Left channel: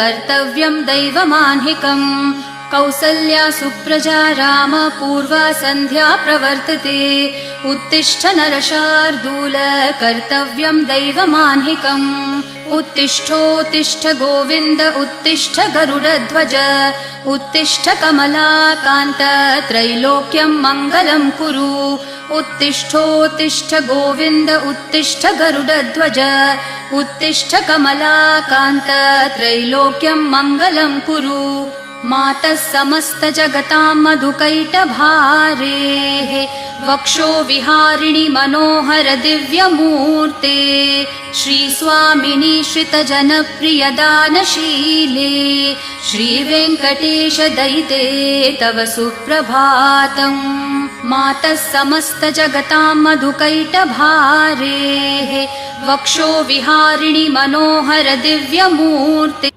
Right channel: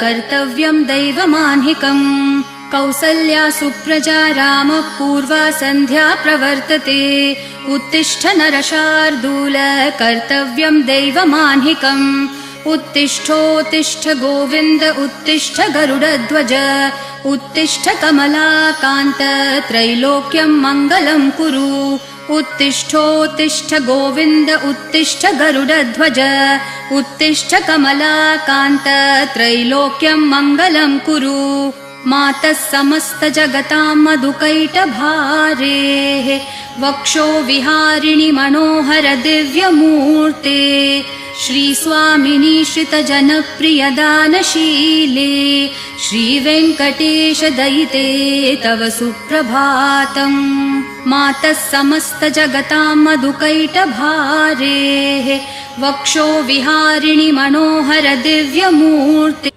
कर्तव्यं दैवमान्हिकम् कौसल्या सुप्रजा राम पूर्वा सन्ध्या प्रवर्तते उत्तिष्ठ नरशार्दूल कर्तव्यं दैवमान्हिकम् उत्तिष्ठोत्तिष्ठ गोविन्द उत्तिष्ठ गरुडध्वज उत्तिष्ठ कमलाकान्त त्रैलोक्यं मङ्गलं कुरु उत्तिष्ठोत्तिष्ठ गोविन्द उत्तिष्ठ गरुडध्वज उत्तिष्ठ कमलाकान्त त्रैलोक्यं मङ्गलं कुरु मातः समस्त जगतां मधुकैटभारेः वक्षो विहारिणि मनोहर दिव्यमूर्ते श्रीस्वामिनि श्रितजनप्रिय दानशीले श्रीवेङ्कटेश दयिते तव सुप्रभातम् मातः समस्त जगतां मधुकैटभारेः वक्षो विहारिणि मनोहर दिव्यमूर्ते